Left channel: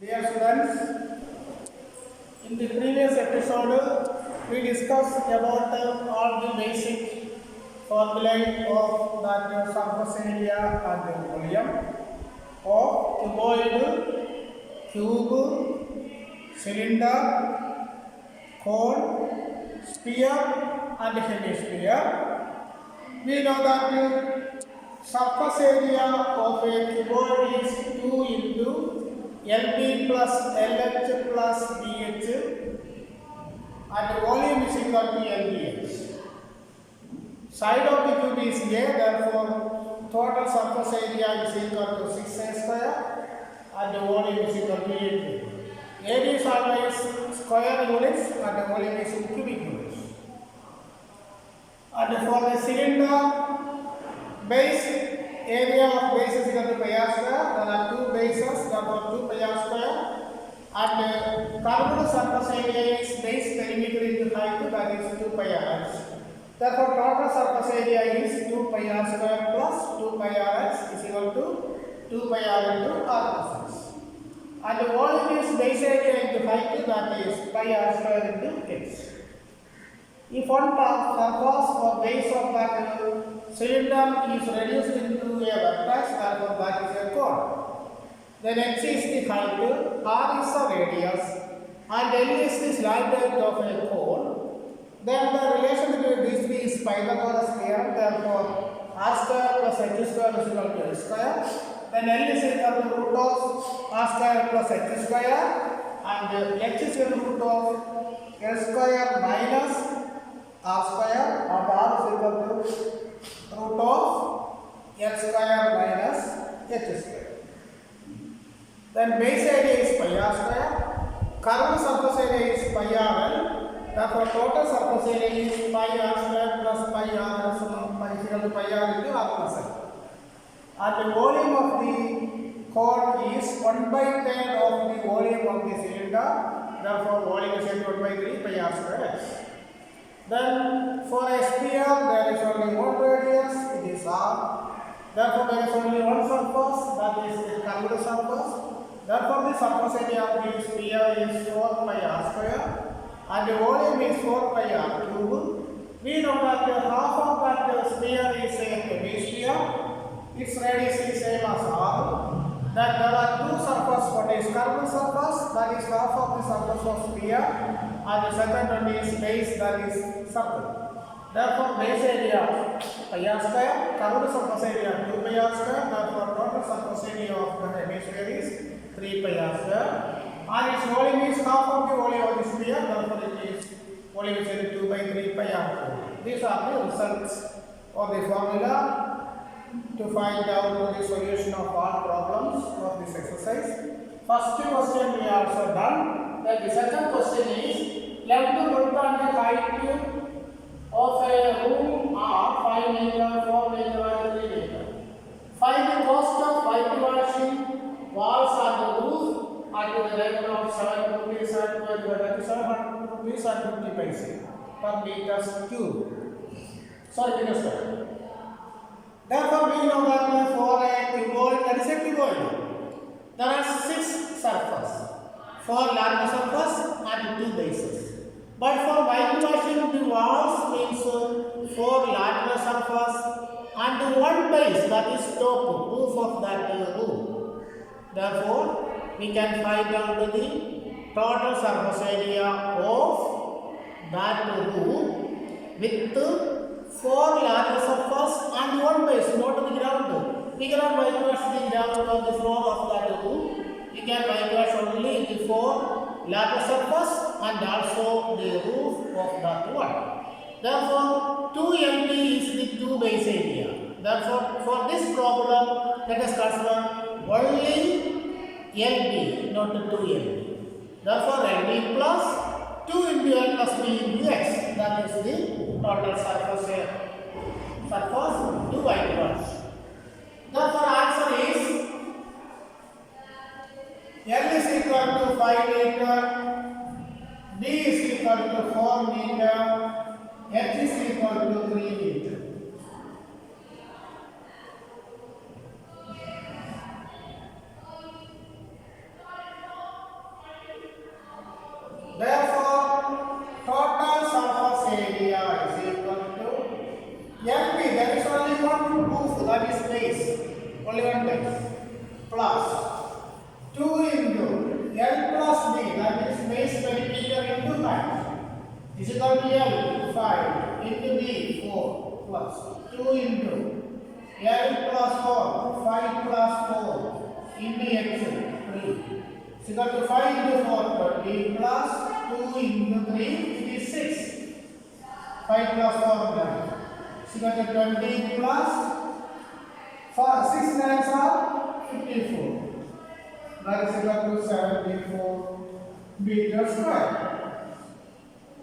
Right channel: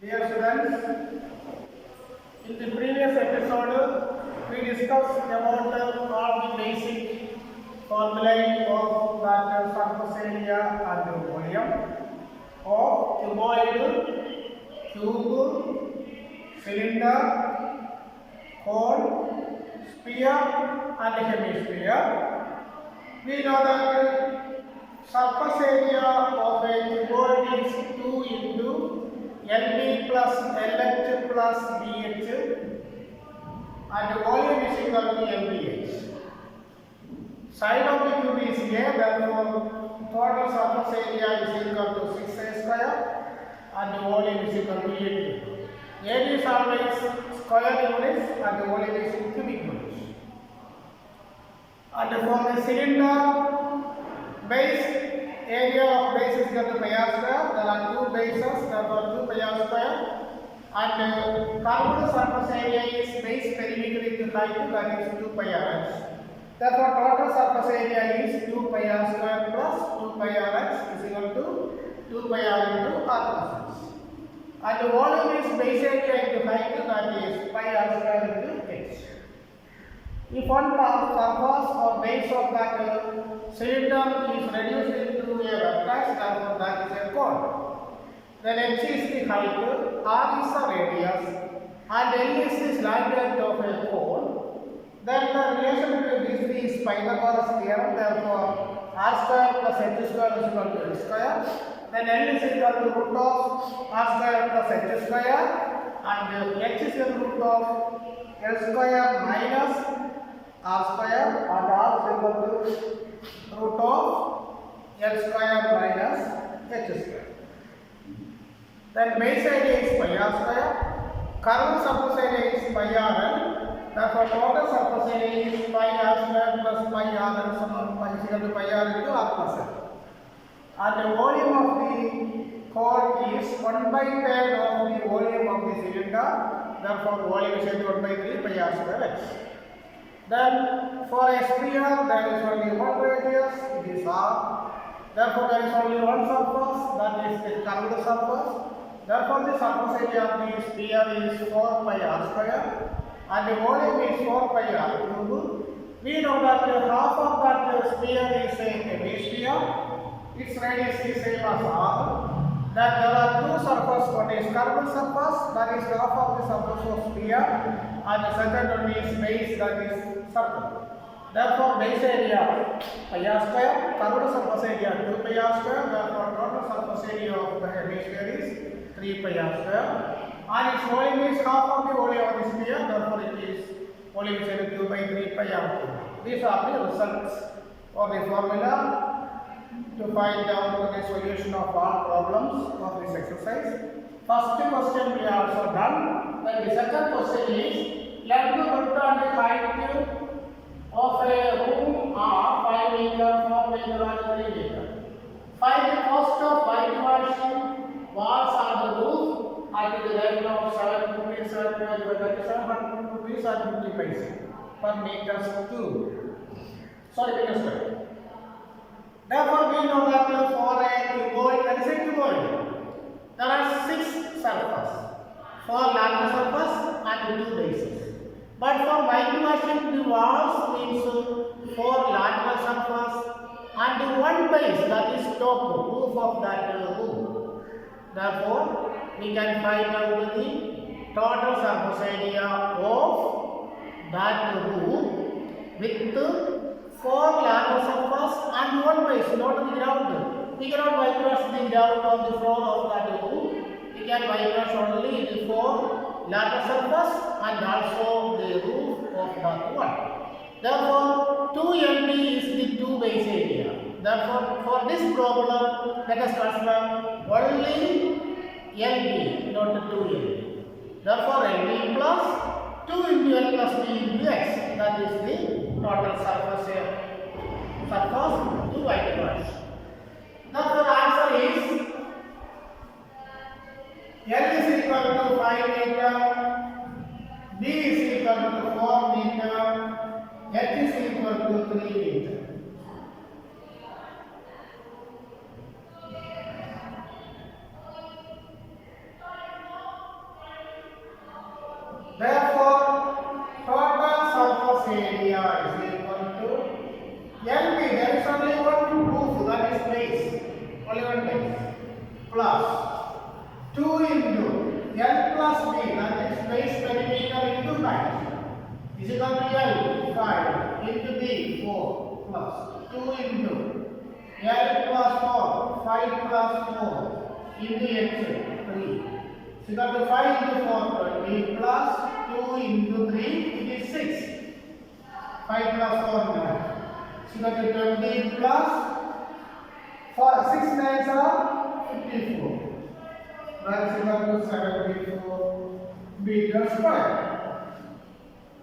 Dear students, in the previous episode, we discussed about all the basic formulae of that surface area and the volume of cuboid, cube, cylinder, cone, sphere and hemisphere. We know that surface area of a cuboid is 2 into LB plus LH plus BH and volume is equal to LBH. Side of the cube is A, therefore total surface area is equal to 6A square and the volume is equal to 8. Area is always square units and the volume is in cubic units. And for the cylinder base, area of base is equal to pi r square. There are two bases, therefore 2 pi r square. And curved surface area is base perimeter into height, that is 2 pi r x. Therefore, total surface area is 2 pi r square plus 2 pi r x is equal to 2 pi r into r plus x. And the volume is base area into height, that is pi r square into h. If one surface or base of that cylinder is reduced into a vertex, therefore that is a cone. Then h is the height, r is the radius, and l is the slant height of a cone. Then the relation between these three is Pythagoras theorem. Therefore, r square plus h square is equal to h square. Then l is equal to root of r square plus h square, and h is equal to root of l square minus r square, and r is equal to root of l square minus h square. Then base area is pi r square, curved surface area is pi r l, therefore total surface area is pi r square plus pi r l is equal to pi r into r plus l. And the volume of the cone is 1/3 of the volume of the cylinder, therefore volume is equal to 1/3 pi r square x. Then for a sphere there is only one radius, it is r. Therefore there is only one surface, that is the curved surface. Therefore the surface area of the sphere is 4 pi r square and the volume is 4 pi r cube. We know that half of that sphere is a hemisphere. Its radius is same as r. That there are two surfaces, one is curved surface, that is half of the surface of sphere, and the second one is base, that is circle. Therefore base area pi r square, curved surface area 2 pi r square, therefore total surface area of the hemisphere is 3 pi r square, and its volume is half of the volume of the sphere, therefore it is volume is equal to 2/3 pi r cube. These are the results of the formula to find out the solution of all problems of this exercise. First question we also done. Then the second question is, let to look on the height of a room are 5 meter, 4 meter and 3 meter. Find the cost of whitewashing walls and the roof at the rate of 750 rupees and 50 paise per meter cube. Sorry, meter square. Therefore, we know that for a cuboid, that is a cuboid, there are 6 surfaces, 4 larger surface and 2 bases. But for whitewashing the walls means 4 larger surface and 1 base, that is top roof of that room. Therefore, we can find out the total surface area of that room with 4 larger surface and 1 base, not the ground. We cannot whitewash the ground on the floor of that room. We can whitewash only the 4 larger surface and also the roof of that one. Therefore, 2 LB is the 2 base area. Therefore, for this problem, let us consider only LB, not 2 LB. Therefore, LB plus 2 into L plus B into X, that is the total surface to whitewash. Therefore, answer is L is equal to 5 meter, B is equal to 4 meter, H is equal to 3 meter. 2 into L plus B, that is base perimeter into height, is equal to L 5 into B 4 plus 2 into L plus 4 5 plus 4 into H 3 is equal to 5 into 4 20 plus 2 into 3 it is 6. 5 plus 4 9 is equal to 20 plus 6 nines are 54. That is equal to 74 meters square.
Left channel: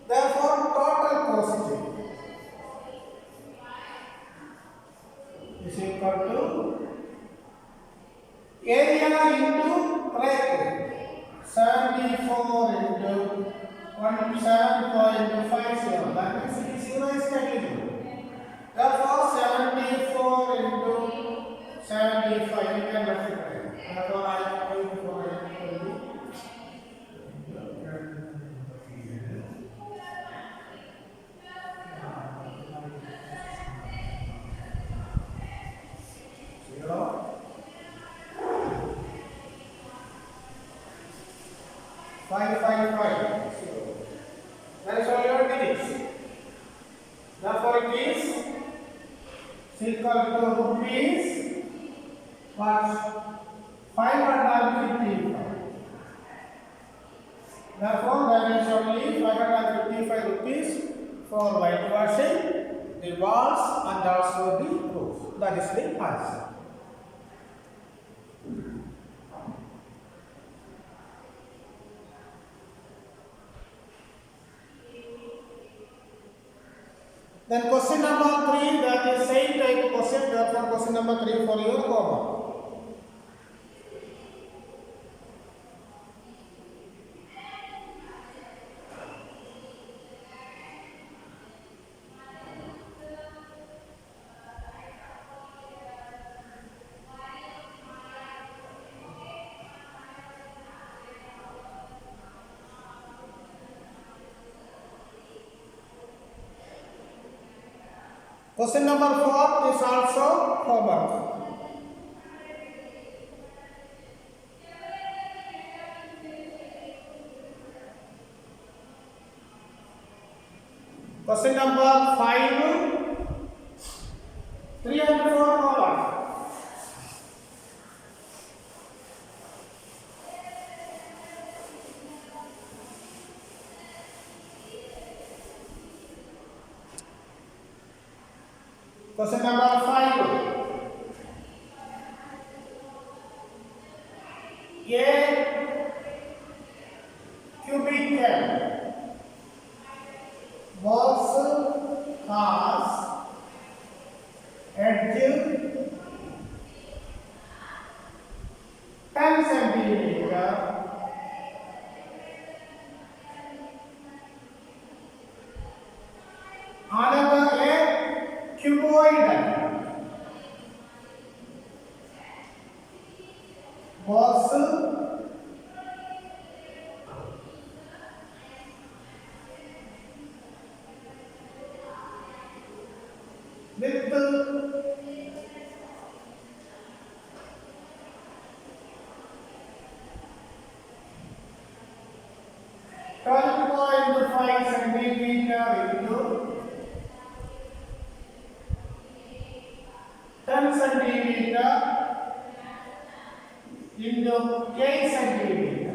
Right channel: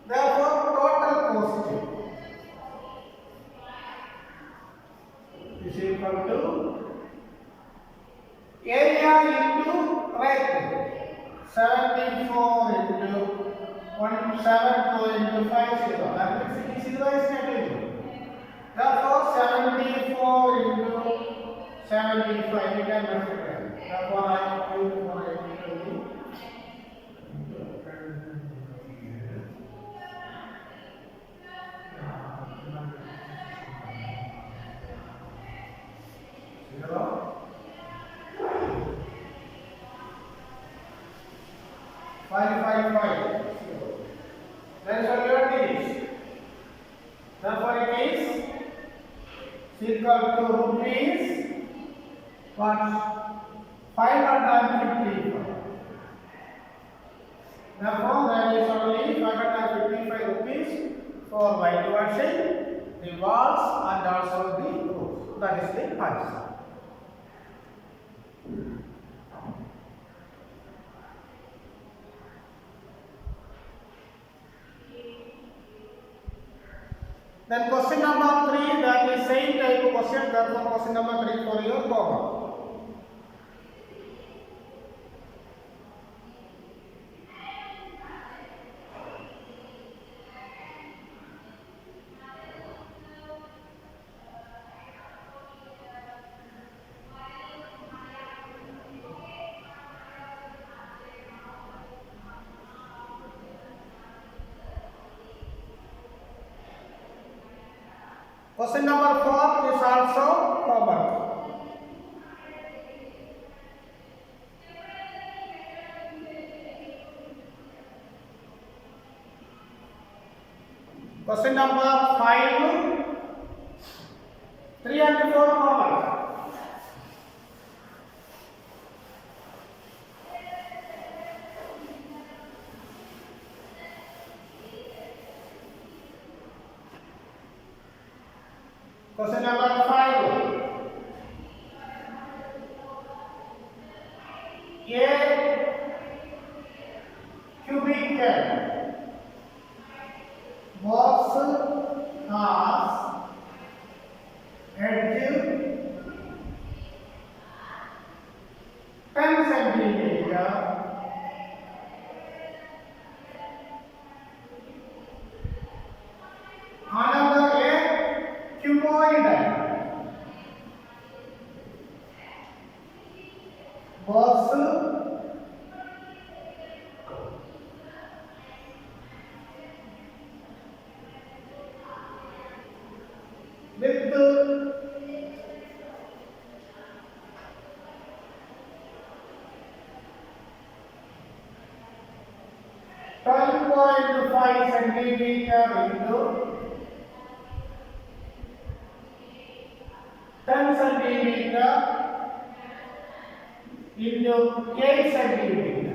Therefore, total positive is equal to area into right. 74 into 17.50. That means 0 is negligible. Therefore, 74 into 75 we can multiply. Therefore, I am going for a 555. That is what your digits. Therefore, it is equal to rupees what? 555. Therefore, there is only 555 rupees for whitewashing the walls and also the roof. That is the answer. Then question number 3, that is same type of question, therefore question number 3 for your homework. Question number 4 is also homework. Question number 5, 3 and 4 homework. Question number 5. A cubical box has edge 10 centimeter another a cuboidal box with 12.5 centimeter into 10 centimeter into 8 centimeter.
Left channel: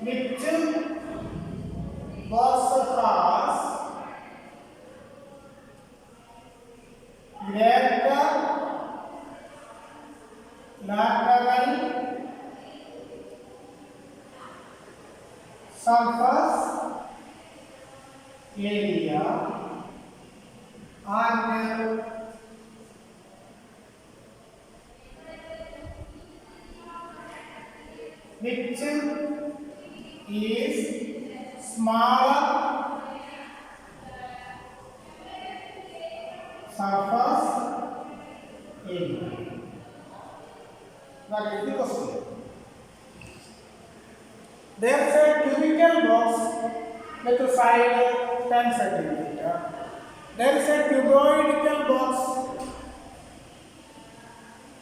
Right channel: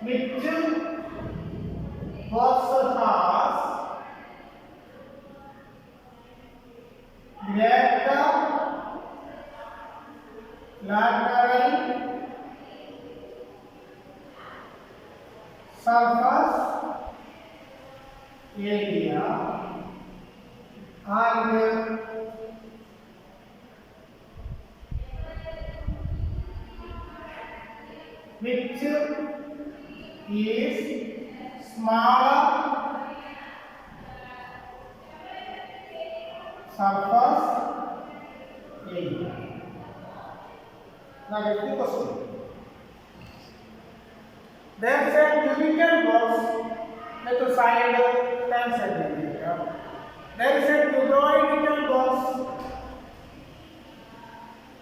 Which box has greater lateral surface area and which is smaller surface area. Now get the question. There is a cubical box with a side 10 centimeter. There is a cuboidal box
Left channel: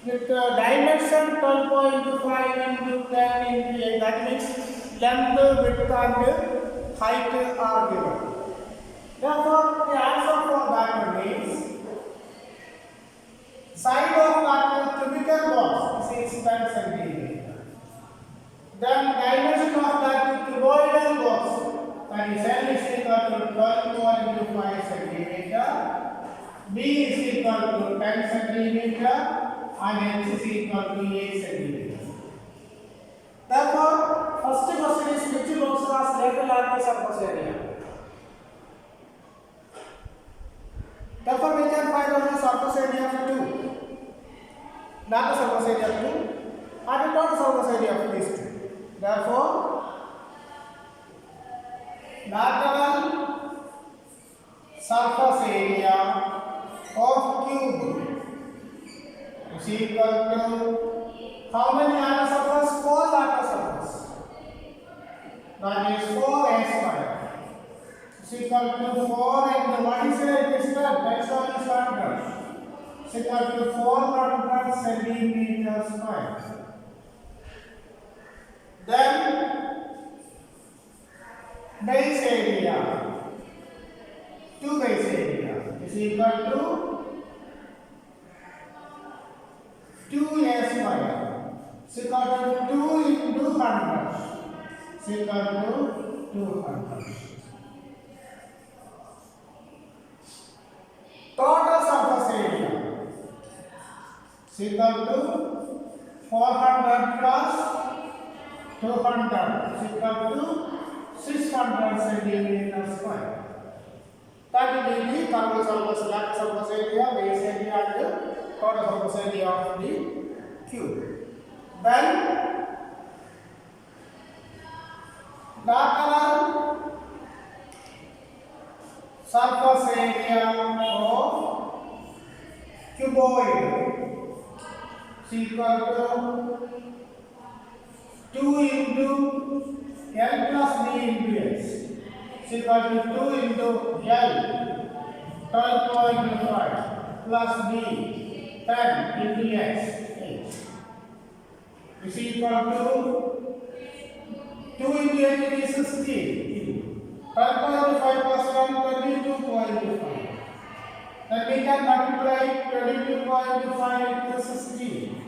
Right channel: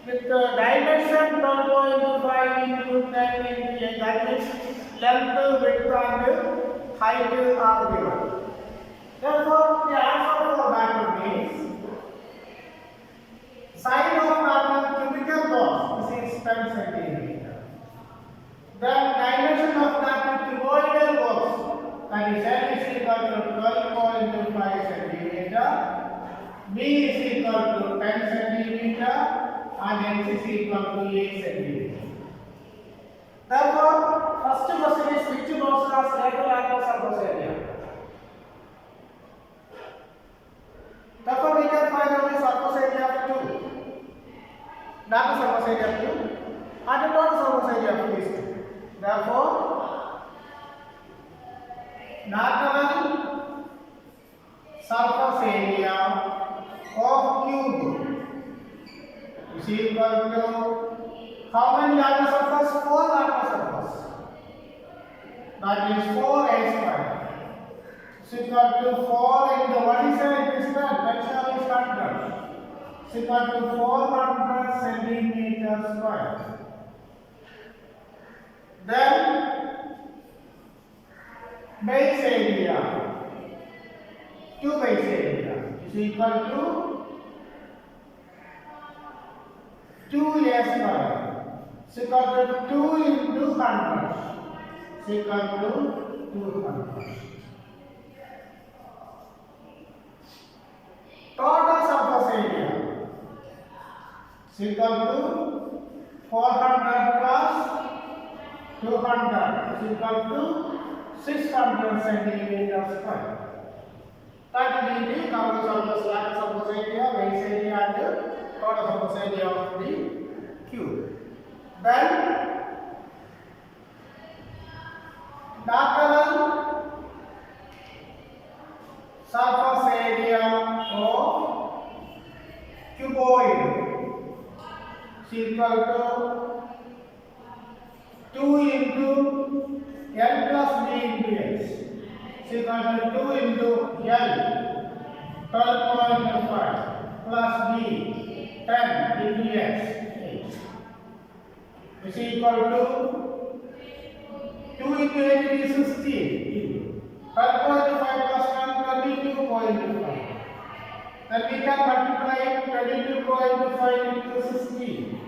with a dimension 12.5 into 10 into 8. That means length, width and height are given. Therefore, the answer for that one is side of that cubical box is 10 centimeter. Then dimension of that cuboidal box, that is L is equal to 12.5 centimeter, B is equal to 10 centimeter, and H is equal to 8 centimeter. Therefore, first question is which box has greater lateral surface area? Therefore, we can find out the surface area of 2. Lateral surface area of 2 and the total surface area of these 2. Therefore, lateral surface area of cube is equal to how many lateral surface? 4 lateral surface. That is 4a square. Is equal to 4 into what is it? Distance. Let's show this factor. Is equal to 400 centimeter square. Then base area, 2 base area is equal to 2a square. Is equal to 2 into 100. Is equal to 200. Total surface area is equal to 400 plus 200 is equal to 600 centimeter square. That will be the total surface, lateral surface area, base area, and total surface area of the cube. Then lateral surface area of cuboid is equal to 2 into L plus D into X is equal to 2 into L 12.5 plus D 10 into X 8 is equal to 2 into 8 is 16. 12.5 plus 10 22.5. Then we can multiply 22.5 into 16.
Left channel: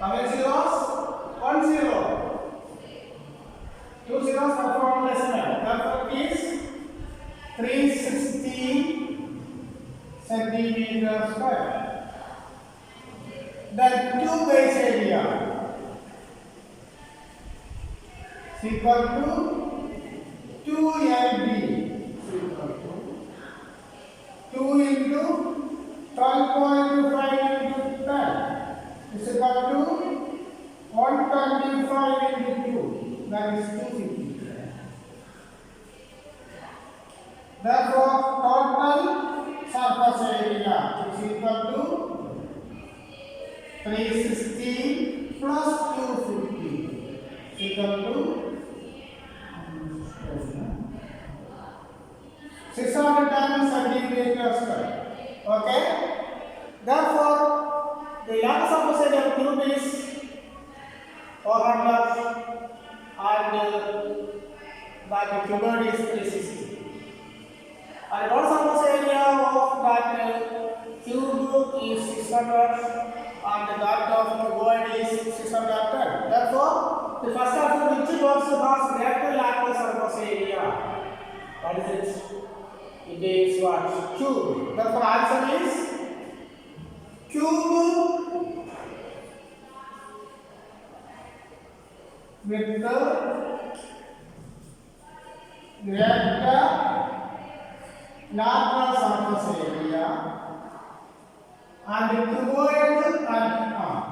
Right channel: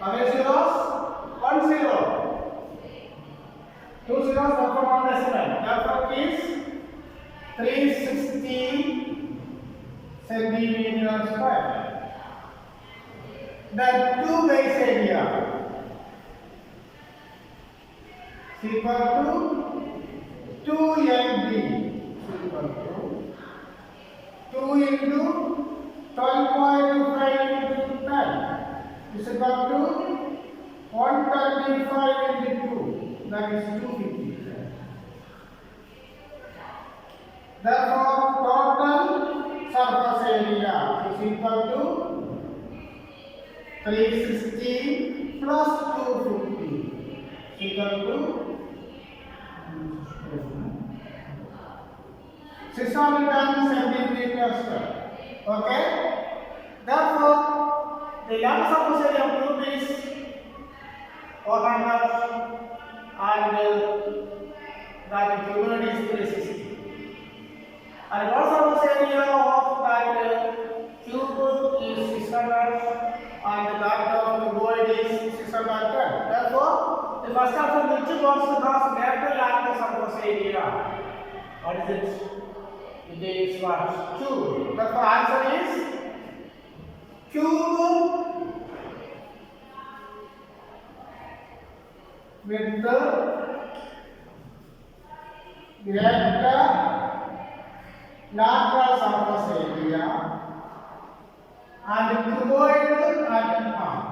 How many zeros? 1 0. 2 zeros, therefore 1 decimal. Therefore it is 360 centimeter square. Then 2 base area is equal to 2 LB is equal to 2 into 12.5 into 10. Is equal to 125 into 2, that is 250. Therefore, total surface area is equal to 360 plus 250 is equal to 610 centimeters square. Okay? Therefore, the lateral surface area of cube is 400 and that cuboid is 360. And total surface area of that cube is 600 and that of cuboid is 610. Therefore, the first of which box has greater lateral surface area? What is it? It is what? Cube. Therefore, answer is cube with the greater lateral surface area and cuboid and arm.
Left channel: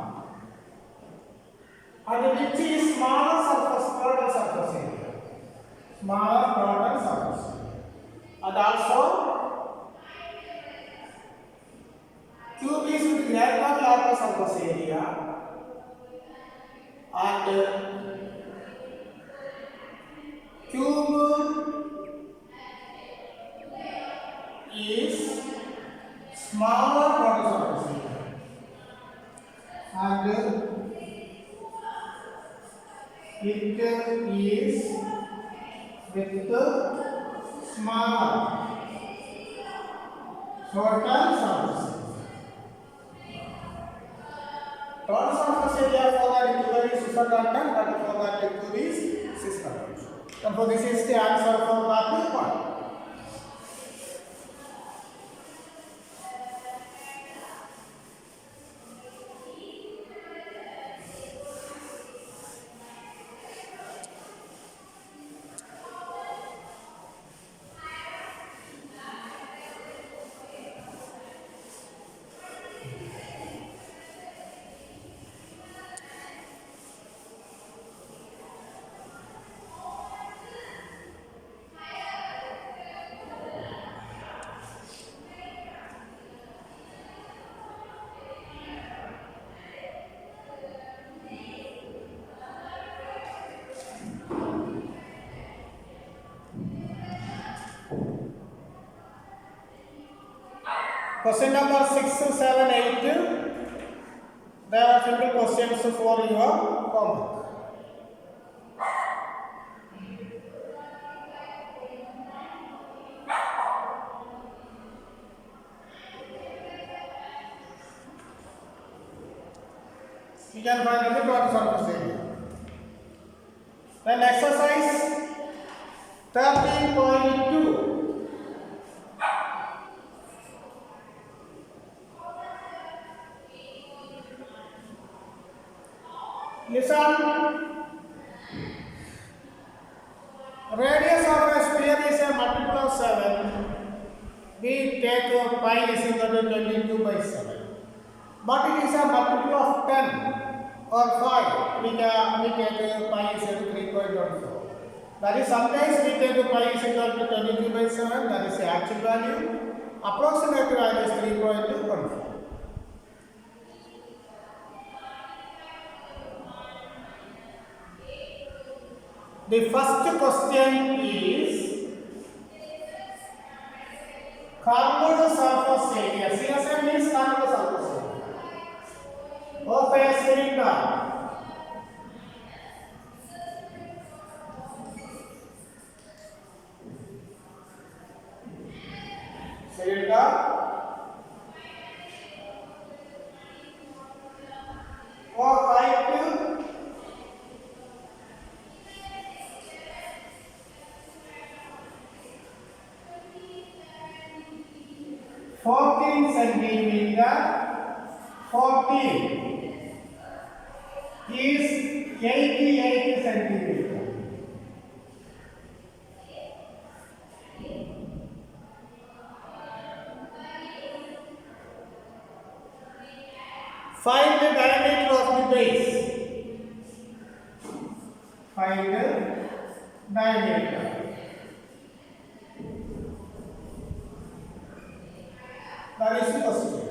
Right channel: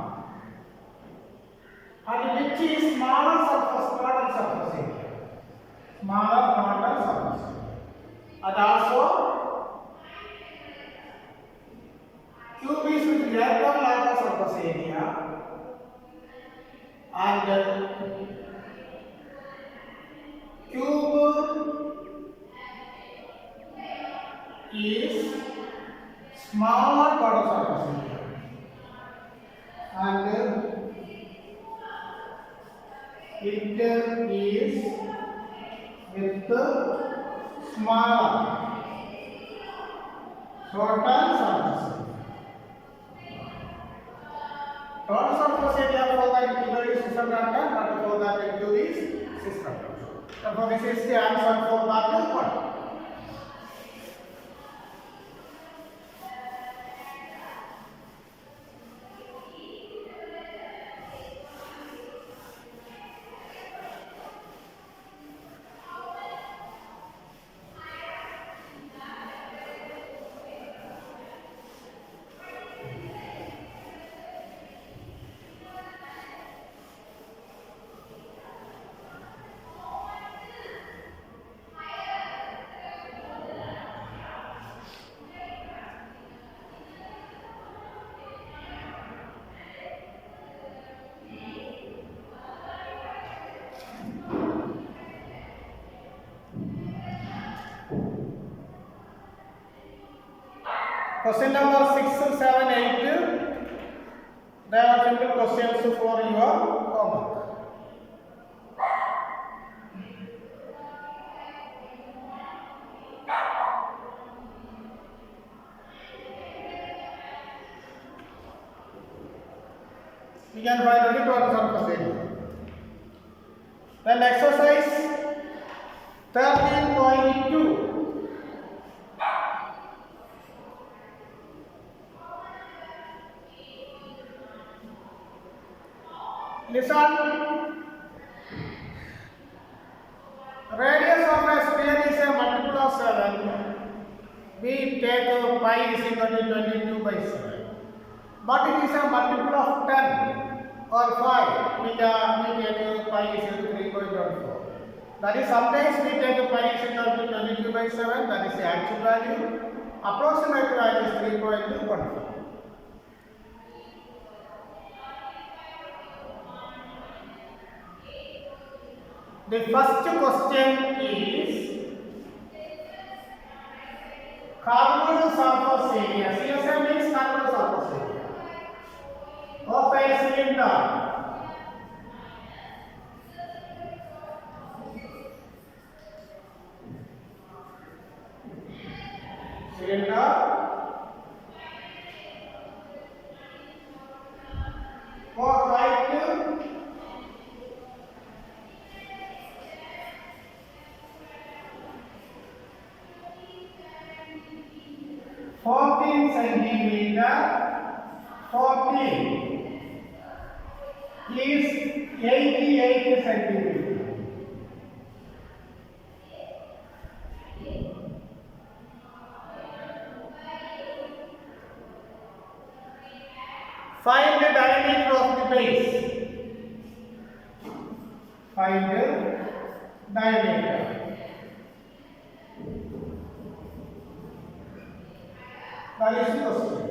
smaller total surface area. And also cube is with greater larger surface area and cube is smaller total surface area and it is with smaller total surface area. Total surface area for that figure is 600, but for that cube is 600. Therefore, this is the answer for that one. Question number 6, 7, 8. There are simple questions for your homework. We can find only total surface area. Then exercise 13.2. Listen. Radius of a sphere is a multiple of 7. We take pi is equal to 22/7. But it is a multiple of 10 or 5. We take pi is equal to 3.14. That is, sometimes we take pi is equal to 22/7. That is the actual value. Approximate value is 3.14. The first question is curved surface area. CSM means curved surface area of a cylinder. Or height 14 centimeter, 14 is 88 centimeter. Find the diameter of the base. Find the diameter. That is the question.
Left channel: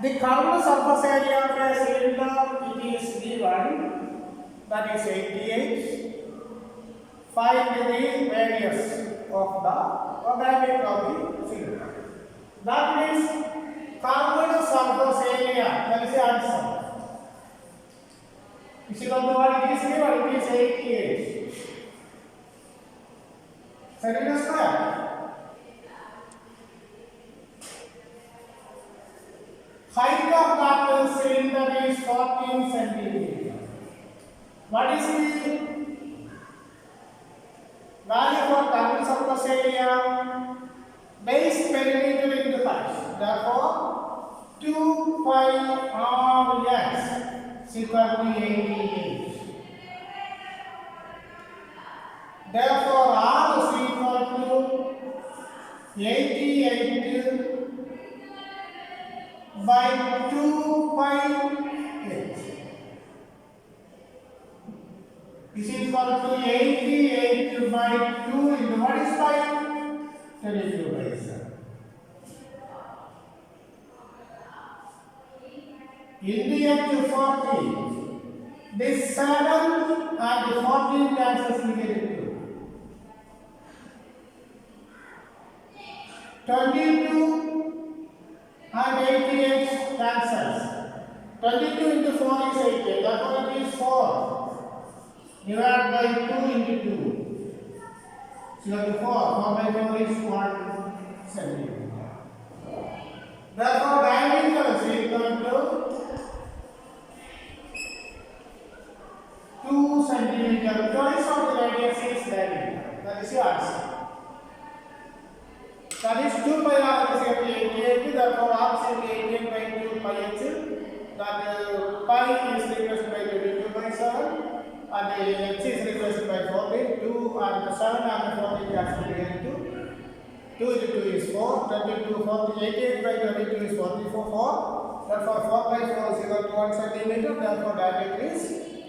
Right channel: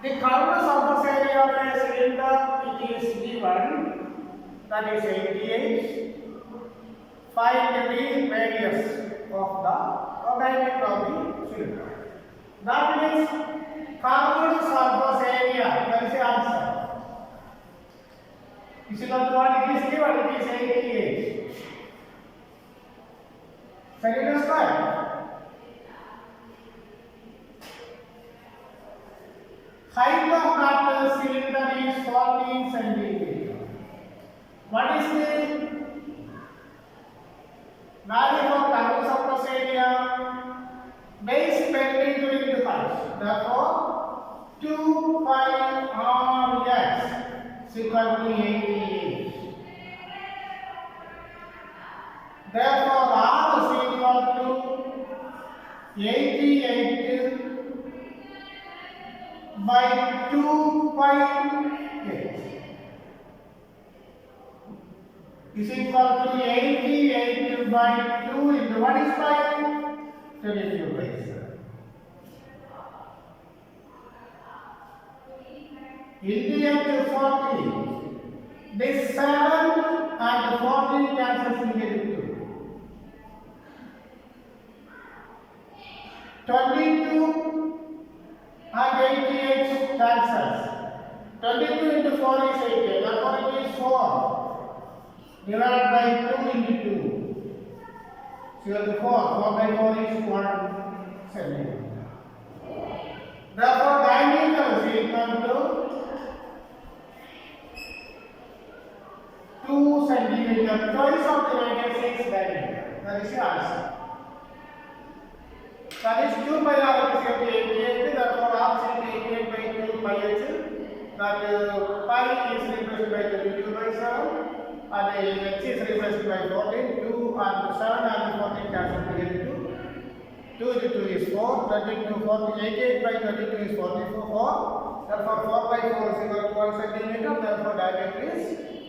The curved surface area of a cylinder, it is given, that is 88. Find the radius of the diameter of the cylinder. That means curved surface area, that is the answer. Is equal to what it is given, it is 88. Cylinder square. Height of that cylinder is 14 centimeter. What is the value for curved surface area? Base perimeter into height. Therefore, 2 pi r(x) is equal to 88. Therefore, r is equal to 88 by 2 pi h is equal to 88 by 2 into what is pi? 22 by 7. In the end 40. This 7 and 14 cancels to get it 2. 22 and 88 cancels. 22 into 4 is 88. Therefore it is 4 divided by 2 into 2. So you have to 4. 4 by 4 is 1 centimeter. Therefore diameter is equal to 2 centimeter. Twice of the radius is diameter. That is the answer. That is 2 pi r is equal to 88. Therefore r is equal to 88 by 2 pi h. That pi is replaced by 22 by 7 and h is replaced by 14. 2 and 7 and 14 cancel together. 2 into 2 is 4. 22, 40, 88 by 22 is 44. Therefore 4 by 4 is equal to 1 centimeter. Therefore diameter is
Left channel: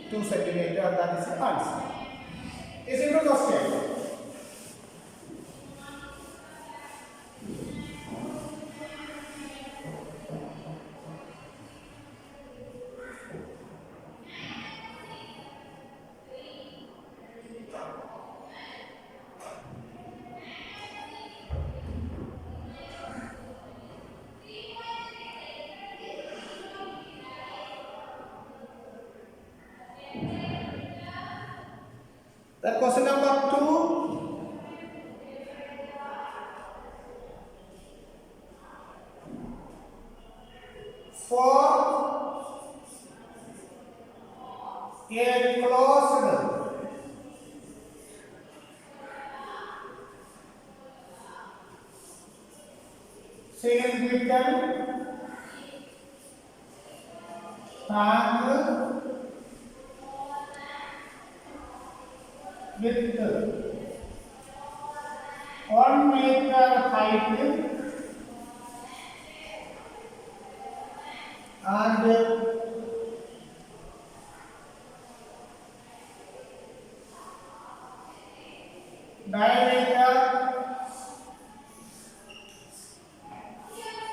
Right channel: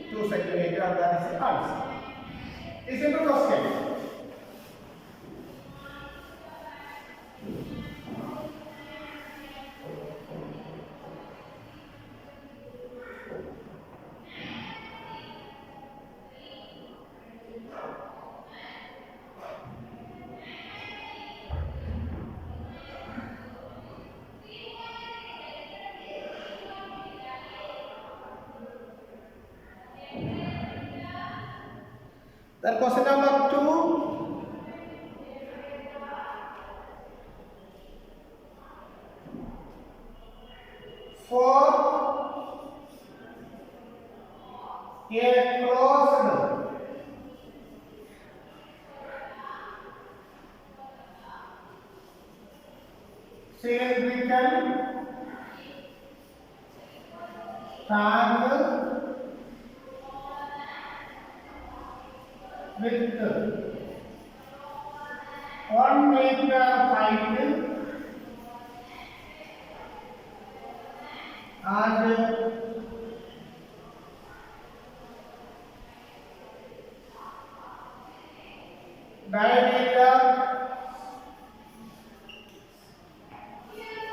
2 centimeter. That is the answer. It's a good question. Then question number 2. For a closed cylindrical tank with 1 meter height and diameter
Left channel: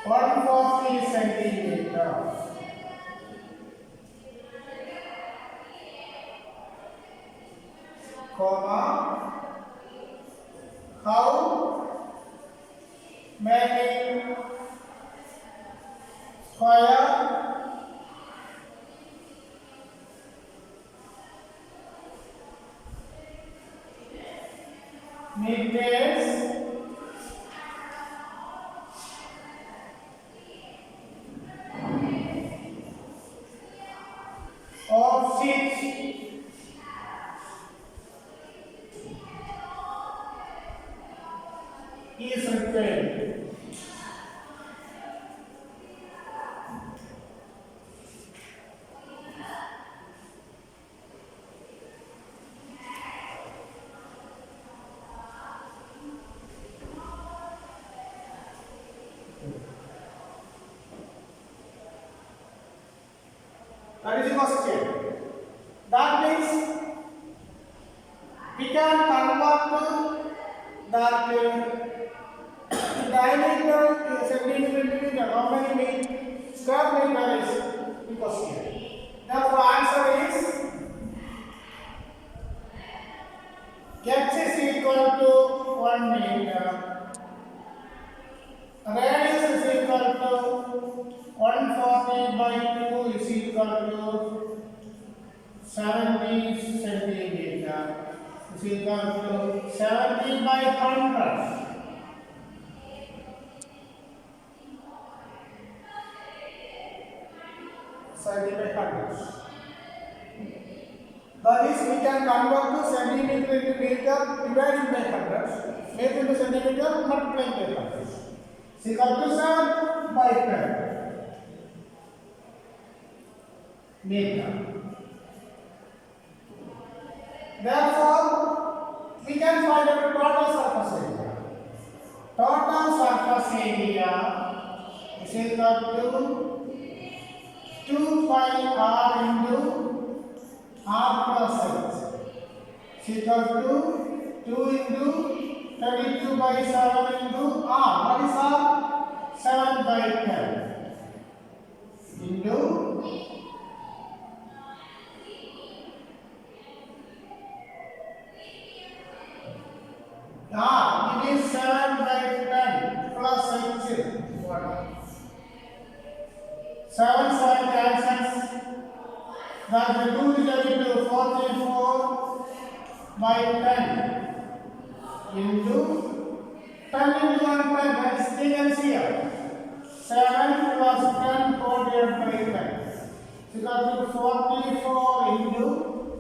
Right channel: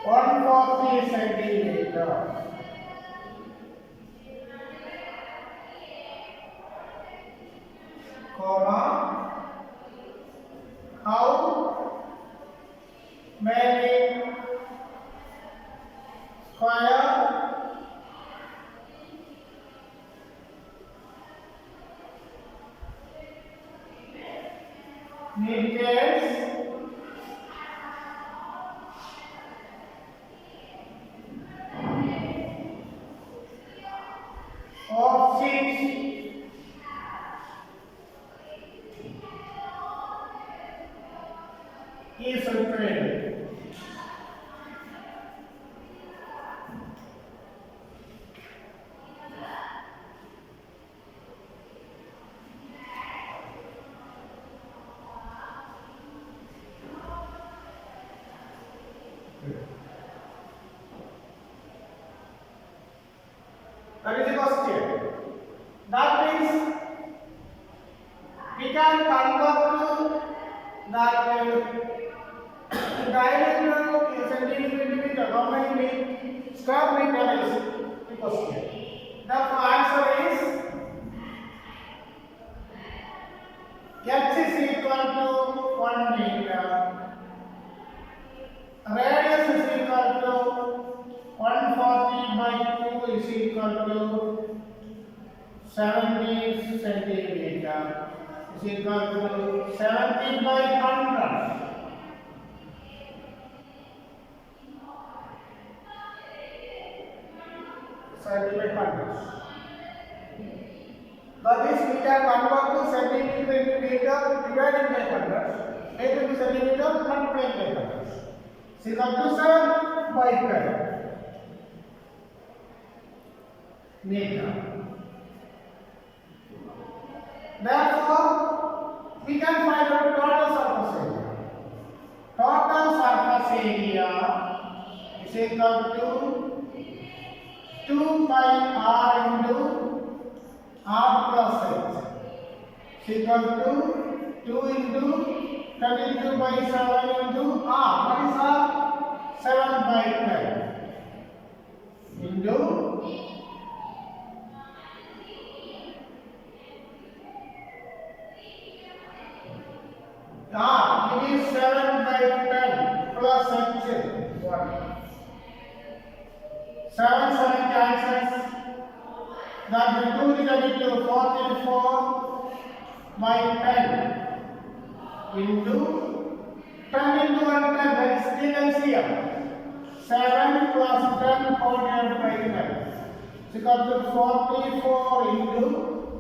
140 centimeter. Comma, how many square meters of sheet is required. That is the question. That means we can convert that diameter is centimeter. How many square meter is the question. Therefore, answer is x is equal to 1 meter. Radius is equal to 140 by 2 is equal to 70 centimeter. Is equal to 70 by 100. 70 by 100. That is, we can convert to centimeter into meter divided by 100. Make into centimeter multiplied by 100. Is equal to 7 by 12 meter. Therefore, we can find the total surface area. Total surface area is equal to 2 pi r into r plus h is equal to 2 into 22 by 7 into what is R? 7 by 10 into it is 7 by 10 plus H 1. 7 cancels. That will 2 divided to 44 by 10 into 10 into 1 10, that is still LCM. 7 plus 10 whole divided by 10. So you got to 44 into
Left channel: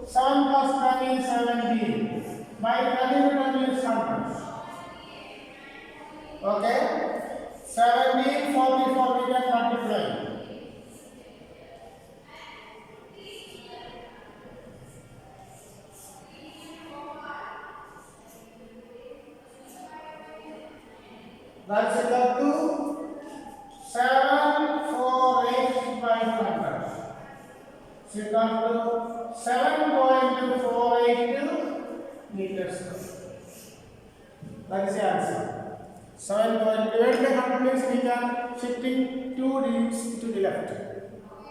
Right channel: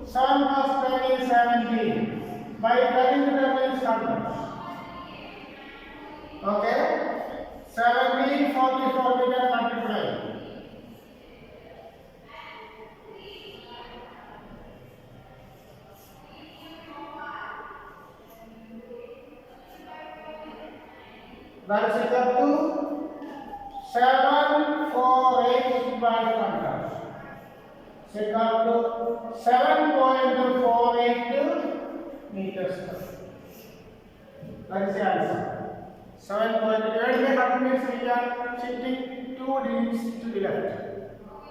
7 plus 10 is 17. By 10 into 10 is 100. Okay? 17, 44 we can multiply. That is equal to 748 by 100. So equal to 7.482 meters. That is the answer. 7.8 means we can shifting 2 digits to the left.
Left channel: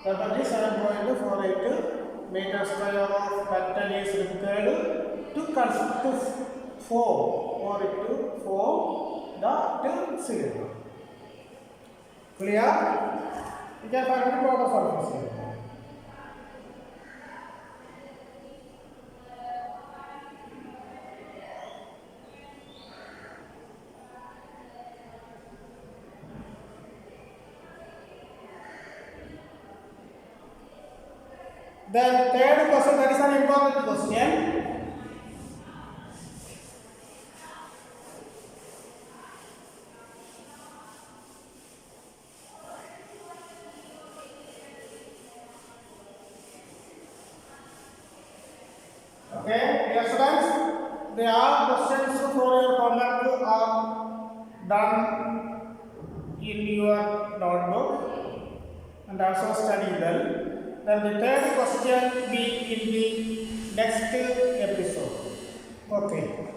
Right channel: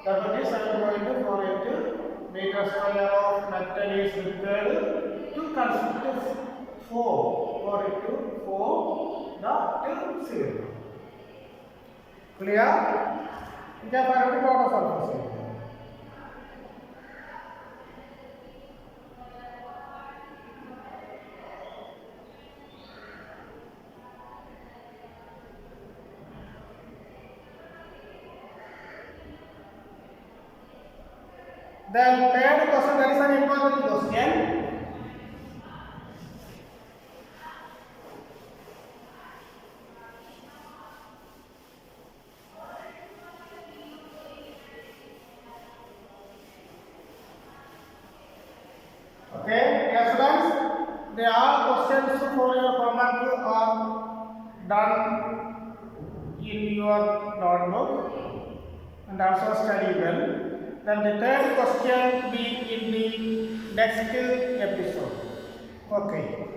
That is 7.482 meters square of metal is required to construct 4 or to 4 the 0. Clear? We can find the total surface area. Then third question, that is an important question. Okay, dear students, there are questions for your homework are done in your notebook and also study well. Then the third question be in the next episode. Okay.